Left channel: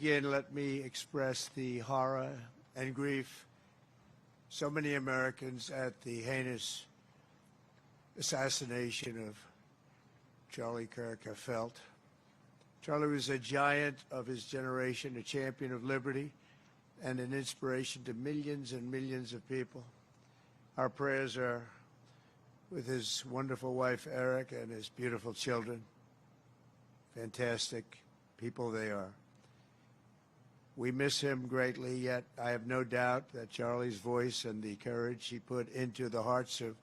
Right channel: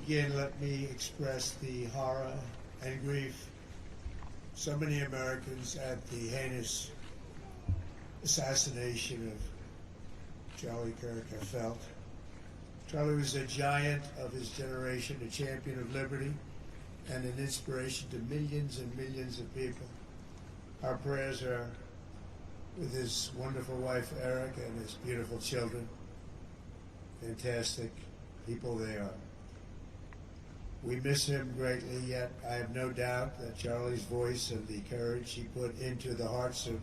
begin, let me express the horror and grief so many Americans at the heinous assassination of Charlie Kirk have felt. Charlie was a giant of his generation, a champion of liberty, and an inspiration to millions and millions of people. Our prayers are with his wonderful wife, Eric, and his beautiful children. Fantastic people they are. We miss him greatly, yet I have no doubt that Charlie's voice and the courage he put into the hearts of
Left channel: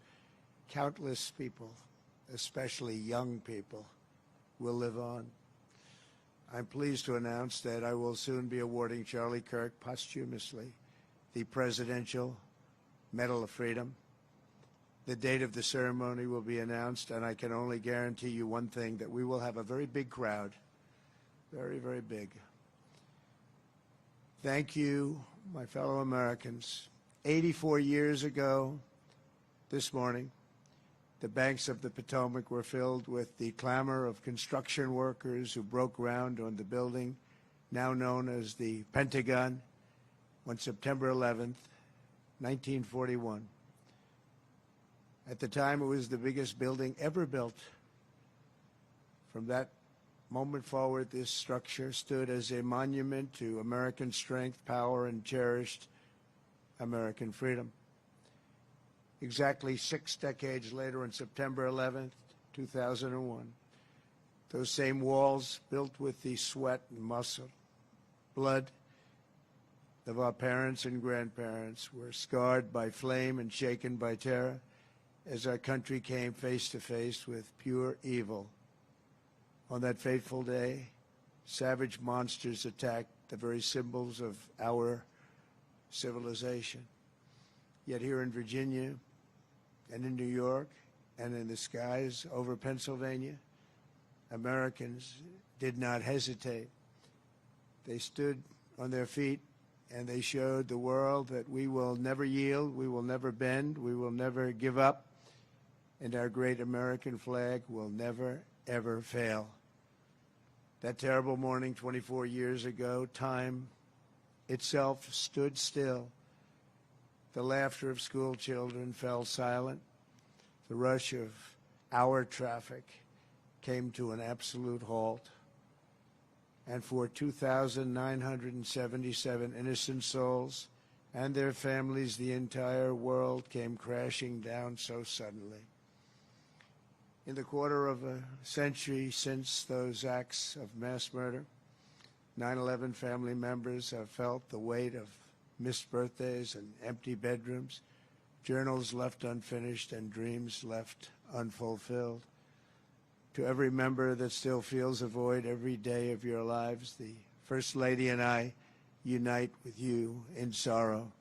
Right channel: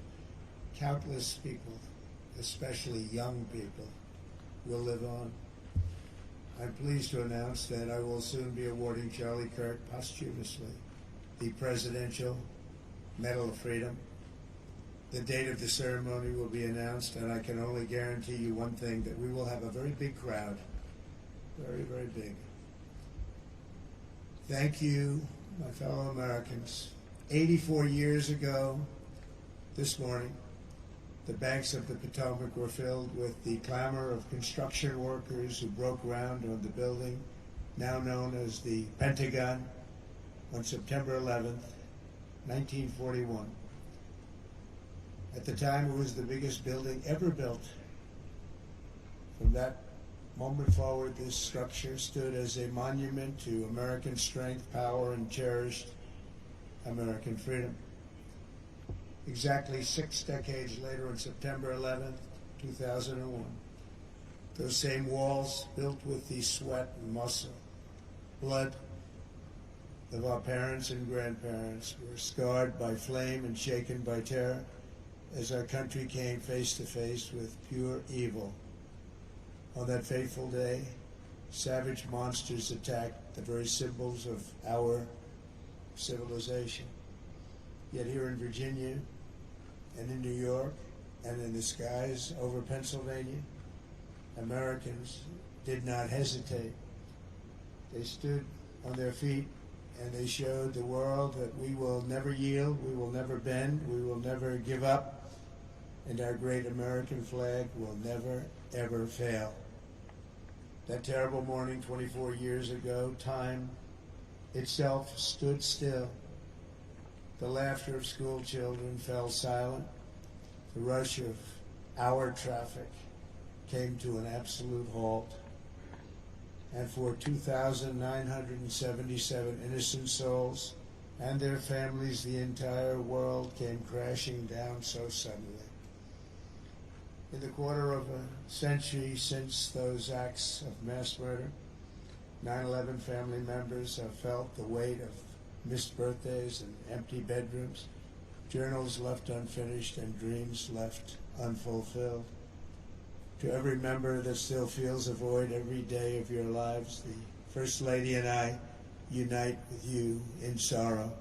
countless people, especially young people, will live on. I'm pleased to announce that I will soon be awarding Charlie Kirk posthumously the Presidential Medal of Freedom. The date of the ceremony will be announced, and I can only guarantee you one thing, that we will have a very big crowd. Very, very big. Thank you, my fellow Americans. 84 years ago, this morning, the banks of the Potomac were filled with the clamor of construction workers who broke ground on the building, now known as the Pentagon, on September 11th, 1941. At the time, it was the biggest building ever built. From that moment forward, this structure stood as a monument to American strength, power, and cherished American freedom. Exactly 6 decades later, on September 11th, 2001, those same walls, built with the sweat and muscle, blood of our parents and grandparents, were scarred by flame and shaken by terror as our country came face to face with pure evil. On that fateful day, savage monsters attacked the very symbols of our civilization. Yet here in Virginia and in New York and in the skies over Pennsylvania, Americans did not hesitate. They stood on their feet and they showed the world that we will never yield, we will never bend, we will never give up, and our great American flag will never, ever fail. That terrible morning 24 years ago, time itself stood still. The laughter of school children fell silent. The rush of our traffic came to an absolute halt. And for 2,977 innocent souls and their families, the entire world came crashing down so suddenly. In the quarter of a century since those acts of mass murder, 9/11 family members have felt the weight of missed birthdays and empty bedrooms, journals left unfinished, and dreams left unfulfilled. To every member that still feels a void every day of your lives, the First Lady and I unite with you in sorrow.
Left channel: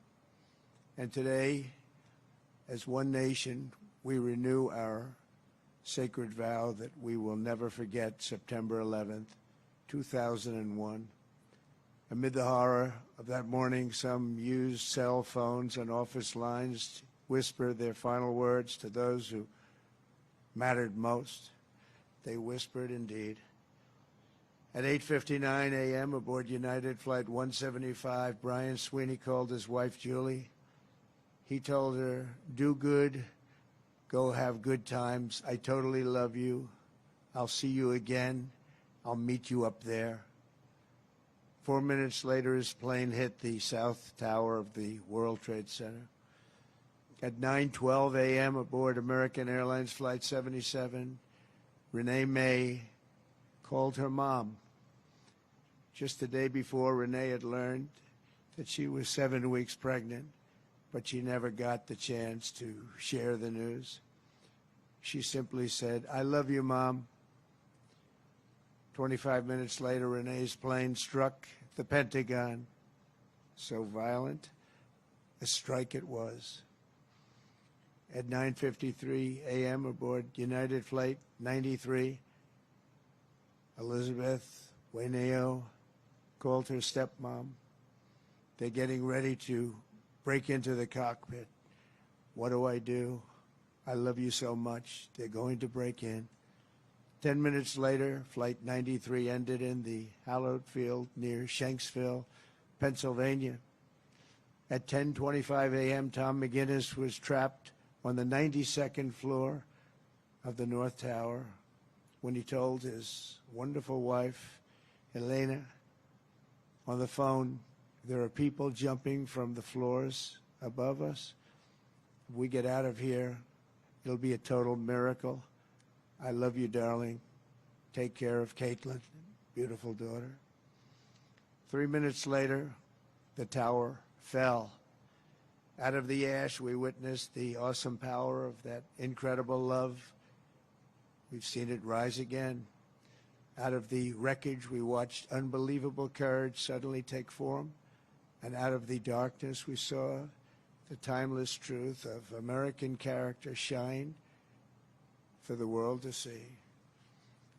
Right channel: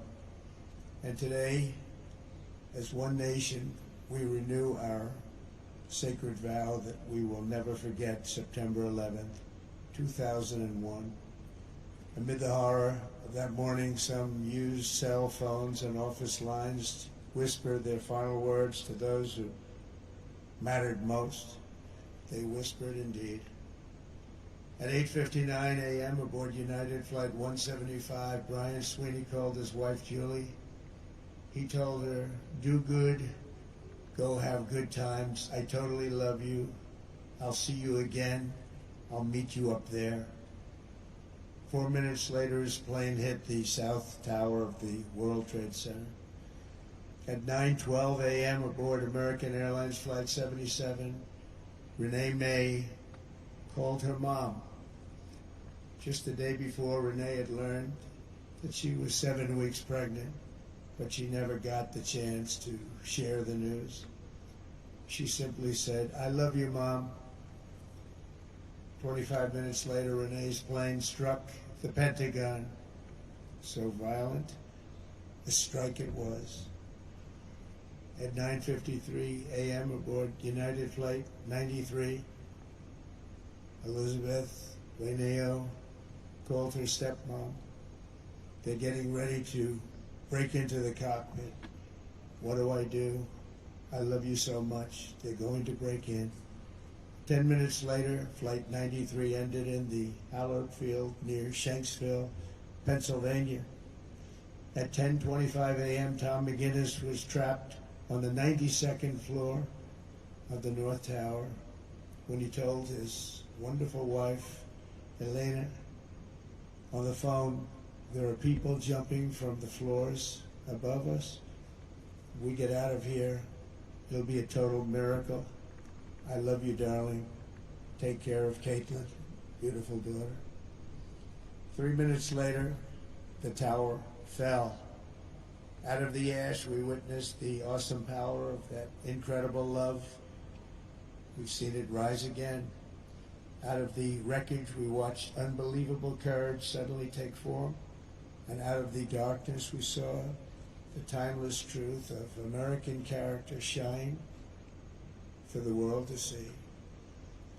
And today, as one nation, we renew our sacred vow that we will never forget September 11th, 2001. Amid the horror of that morning, some used cell phones and office lines whispered their final words to those who mattered most. They whispered indeed. At 8:59 a.m. aboard United Flight 175, Brian Sweeney called his wife Julie. He told her, "Do good, go have good times. I totally love you. I'll see you again. I'll meet you up there." 4 minutes later, his plane hit the south tower of the World Trade Center. At 9:12 a.m. aboard American Airlines Flight 77, Renee May called her mom. Just the day before, Renee had learned that she was 7 weeks pregnant, but she never got the chance to share the news. She simply said, "I love you, Mom." 25 minutes later, Renee's plane struck the Pentagon. So violent, a strike it was. At 9:53 a.m. aboard United Flight 93, Elizabeth Wayneo called her stepmom. They're getting ready to break into the cockpit. What do? I love you so much. They're going to break in. 10 minutes later, Flight 93 ended in the hallowed field near Shanksville, Pennsylvania. At 10:25 a.m., Tom McGinnis was trapped on the 92nd floor of the North Tower when he told his wonderful wife, Elena, on the phone, "There are people jumping from the floors above us. We get out of here, it'll be a total miracle. I love you, darling. Take care of Caitlin, beautiful daughter." 3 minutes later, the tower fell. Out of the ash, we witnessed the awesome power of that incredible love. We've seen it rise again. Out of the wreckage, we watched unbelievable courage suddenly take form. And out of the darkness, we saw the timeless truth of American character shine for the world to see.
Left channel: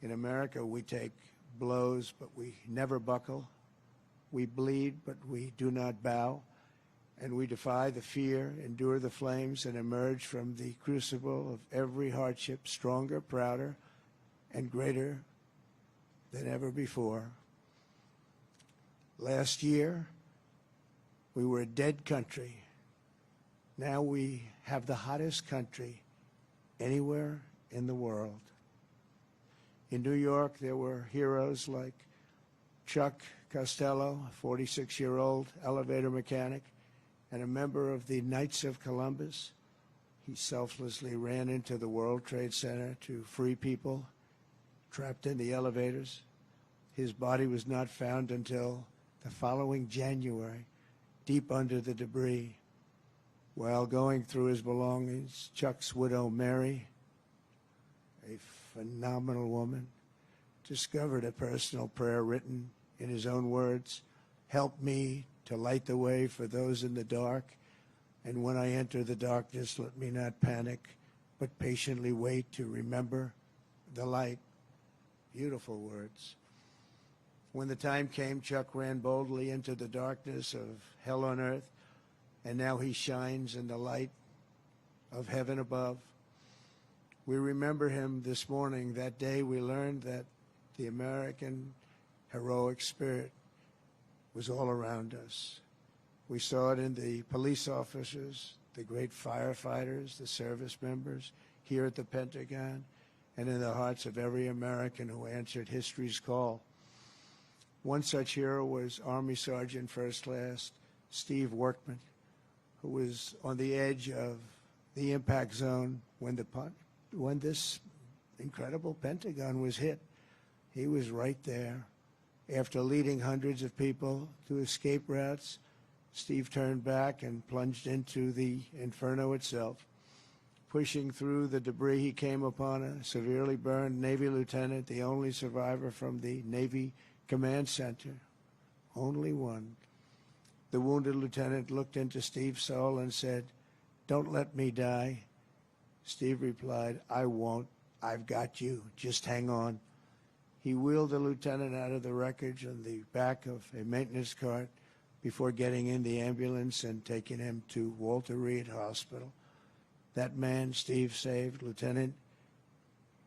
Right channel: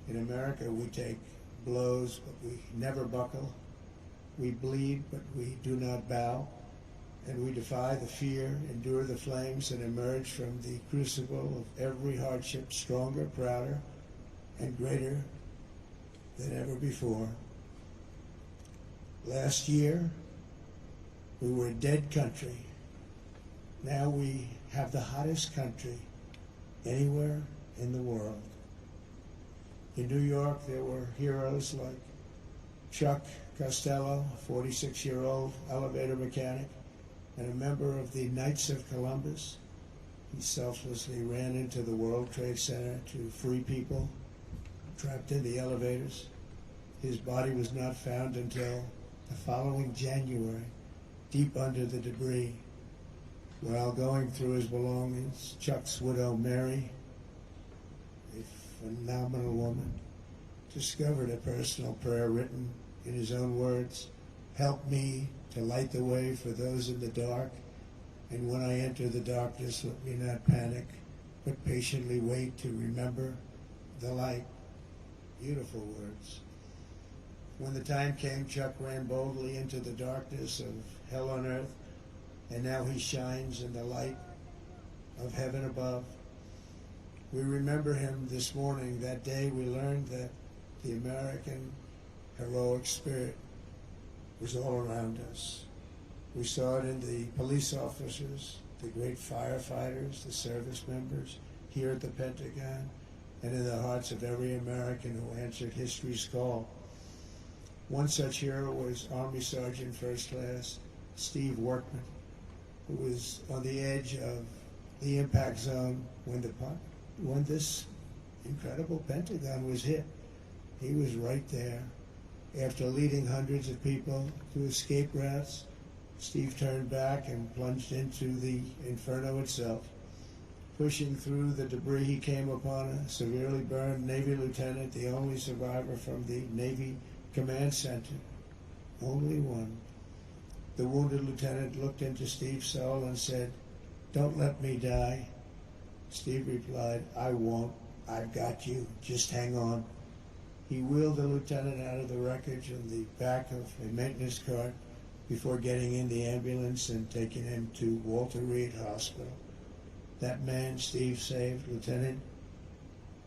In America, we take blows, but we never buckle. We bleed, but we do not bow. And we defy the fear, endure the flames, and emerge from the crucible of every hardship stronger, prouder, and greater than ever before. Last year, we were a dead country. Now we have the hottest country anywhere in the world. In New York, there were heroes like Chuck Costello, 46-year-old elevator mechanic, and a member of the Knights of Columbus. He selflessly ran into the World Trade Center to free people trapped in the elevators. His body was not found until the following January, deep under the debris. While going through his belongings, Chuck's widow, Mary, a phenomenal woman, discovered a personal prayer written in his own words, "Help me to light the way for those in the dark, and when I enter the darkness, let me not panic, but patiently wait to remember the light." Beautiful words. When the time came, Chuck ran boldly into the darkness of hell on earth, and now he shines in the light of heaven above. We remember him this morning. That day we learned that the American heroic spirit was all around us. We saw it in the police officers, the great firefighters, the service members here at the Pentagon, and in the hearts of every American who answered history's call. One such hero was Army Sergeant First Class Steve Workman, who was on the edge of the impact zone when this incredible Pentagon was hit. He was right there. After leading hundreds of people to escape routes, Steve turned back and plunged into the inferno itself. Pushing through the debris, he came upon a severely burned Navy lieutenant, the only survivor from the Navy Command Center. Only one. The wounded lieutenant looked into Steve's soul and said, "Don't let me die." Steve replied, "I won't. I've got you. Just hang on." He wheeled the lieutenant out of the wreckage on the back of a maintenance cart before getting in the ambulance and taking him to Walter Reed Hospital. That man Steve saved, Lieutenant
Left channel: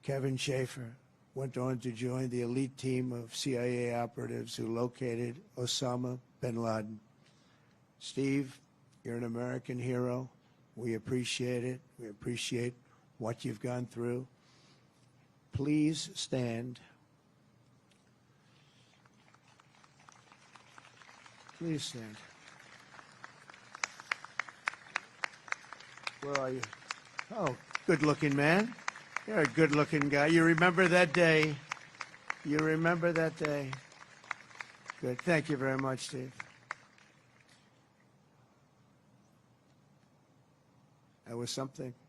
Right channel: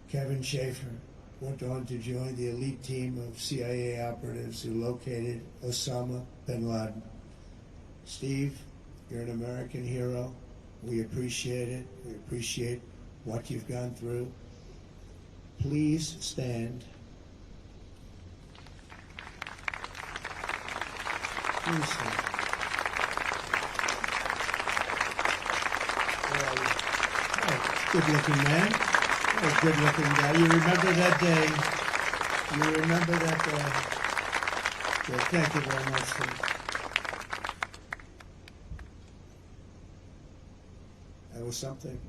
Kevin Schaefer, went on to join the elite team of CIA operatives who located Osama bin Laden. Steve, you're an American hero. We appreciate it. We appreciate what you've gone through. Please stand. Please stand. Good looking man. What a good looking guy. You remember that day. You remember that day. Good. Thank you very much, Steve. That was something.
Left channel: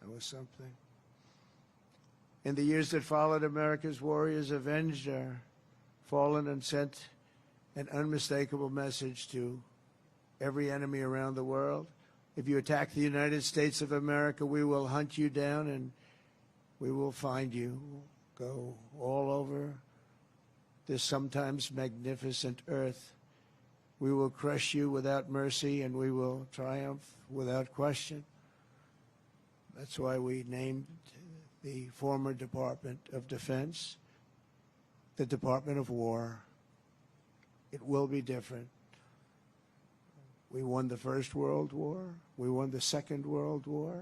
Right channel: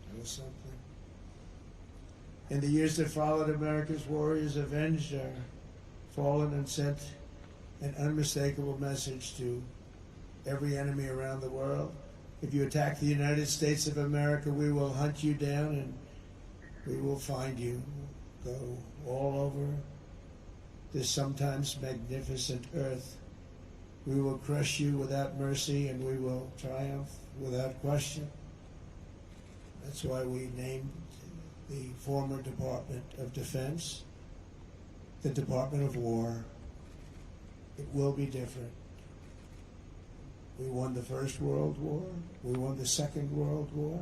That was something. In the years that followed, America's warriors avenged our fallen and sent an unmistakable message to every enemy around the world. If you attack the United States of America, we will hunt you down and we will find you. Go all over this sometimes magnificent earth. We will crush you without mercy and we will triumph without question. That's why we named the former Department of Defense, the Department of War. It will be different. We won the First World War. We won the Second World War.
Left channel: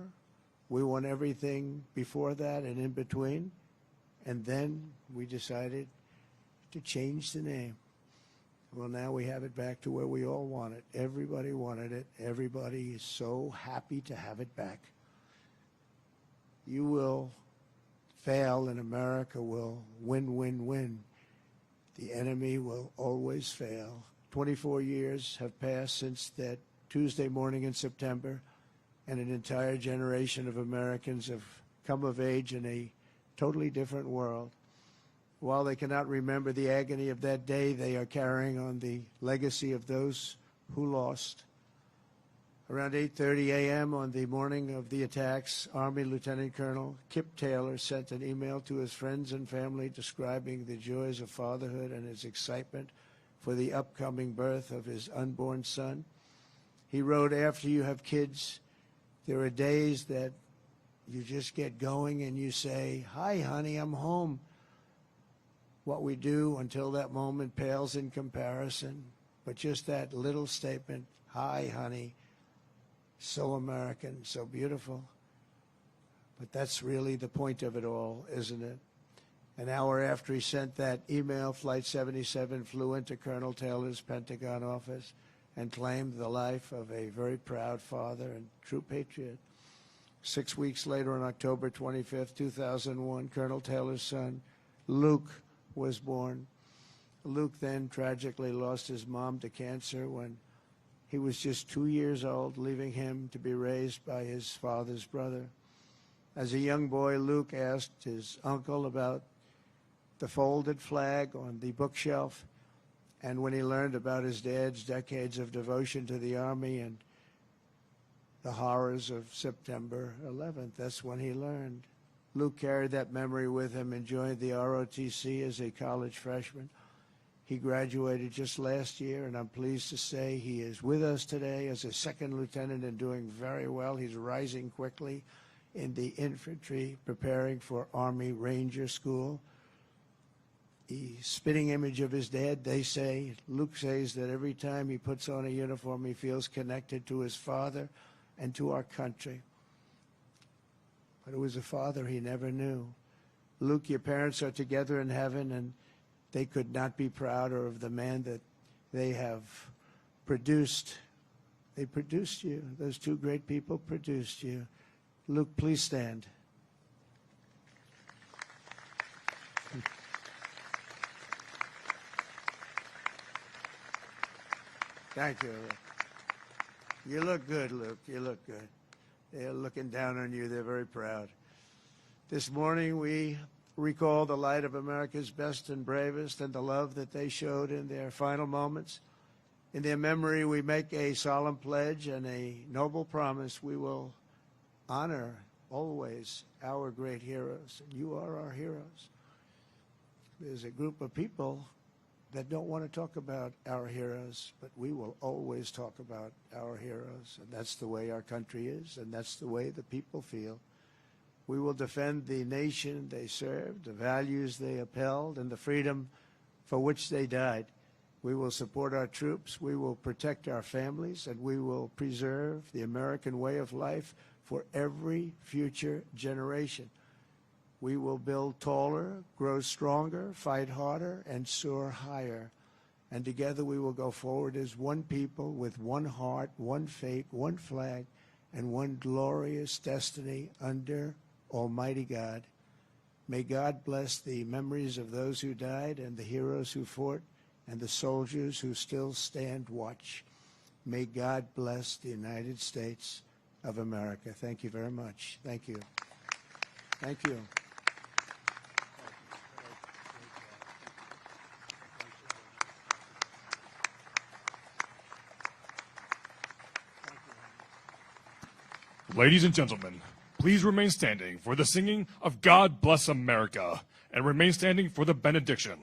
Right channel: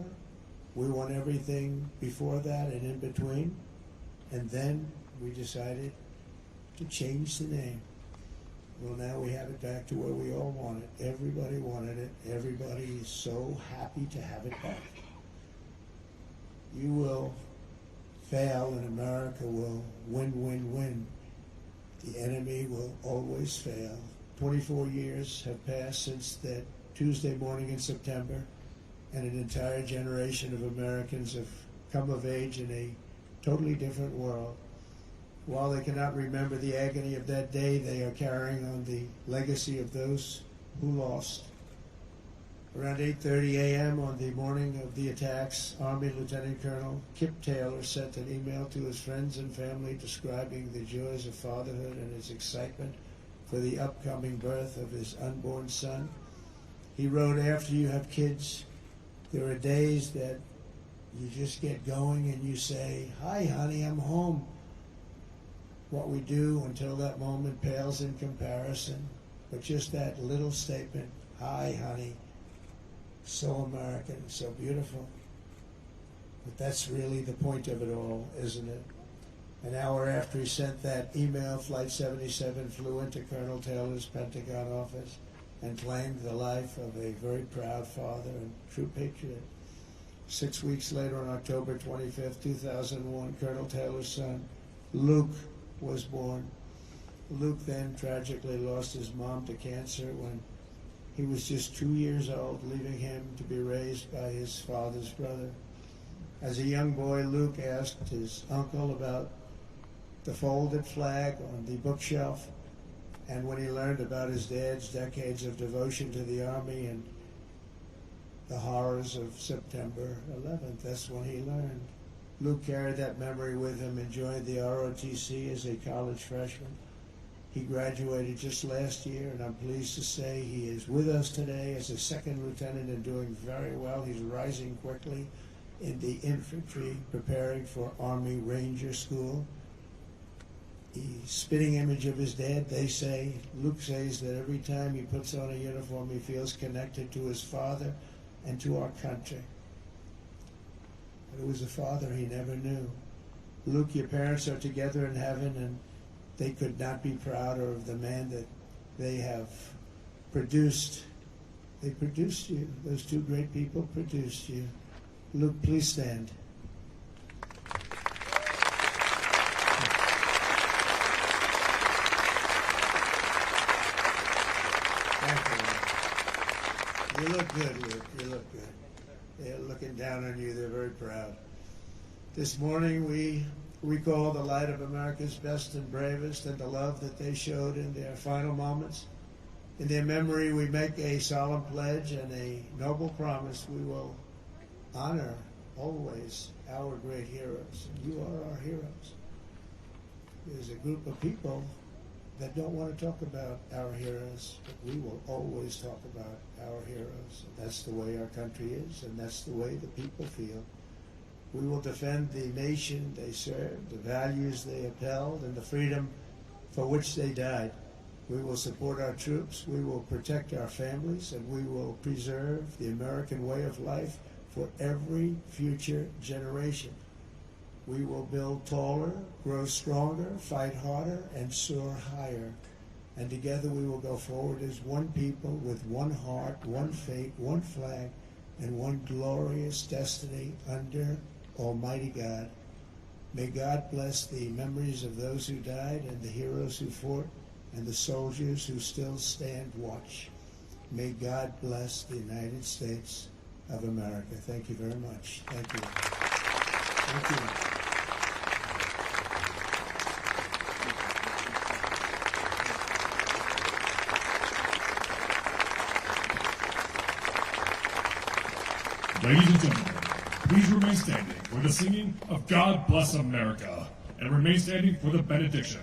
We won everything before that and in between. And then we decided to change the name. Well, now we have it back to where we all wanted. Everybody wanted it. Everybody is so happy to have it back. You will fail and America will win, win, win. The enemy will always fail. 24 years have passed since that Tuesday morning in September, and an entire generation of Americans have come of age in a totally different world. While they cannot remember the agony of that day, they are carrying on the legacy of those who lost. Around 8:30 a.m. on the morning of the attacks, Army Lieutenant Colonel Kip Taylor sent an email to his friends and family describing the joys of fatherhood and his excitement for the upcoming birth of his unborn son. He wrote, after you have kids, there are days that you just get going and you say, "Hi, honey, I'm home." What we do until that moment pales in comparison, but just that little statement, "Hi, honey," so American, so beautiful. But that's really the point of it all, isn't it? An hour after he sent that email, Flight 77 flew into Colonel Taylor's Pentagon office and claimed the life of a very proud father and true patriot. 6 weeks later, on October 25th, 2001, Colonel Taylor's son, Luke, was born. Luke then tragically lost his mom to cancer when he was just 2 years old, leaving him to be raised by his father's brother. As a young boy, Luke asked his uncle about the folded flag on the bookshelf, and when he learned about his dad's decades of devotion to the Army and the horrors of September 11th, that's when he learned. Luke carried that memory with him and joined the ROTC as a college freshman. He graduated just last year, and I'm pleased to say he is with us today as a second lieutenant and doing very well. He's rising quickly in the infantry, preparing for Army Ranger School. The spitting image of his dad, they say. Luke says that every time he puts on a uniform, he feels connected to his father and to our country. But it was a father he never knew. Luke, your parents are together in heaven, and they could not be prouder of the man that they have produced. They produced you. Those two great people produced you. Luke, please stand. Thank you. You look good, Luke. You look good. They're looking down on you. They're very proud. This morning we recall the light of America's best and bravest and the love that they showed in their final moments. In their memory, we make a solemn pledge and a noble promise. We will honor always our great heroes. You are our heroes. There's a group of people that don't want to talk about our heroes, but we will always talk about our heroes. And that's the way our country is, and that's the way the people feel. We will defend the nation they served, the values they upheld, and the freedom for which they died. We will support our troops, we will protect our families, and we will preserve the American way of life for every future generation. We will build taller, grow stronger, fight harder, and soar higher. And together we will go forward as one people with one heart, one faith, one flag, and one glorious destiny under Almighty God. May God bless the memories of those who died and the heroes who fought and the soldiers who still stand watch. May God bless the United States of America. Thank you very much. Thank you. Thank you. Ladies and gentlemen, please remain standing for the singing of God Bless America, and remain standing for the benediction.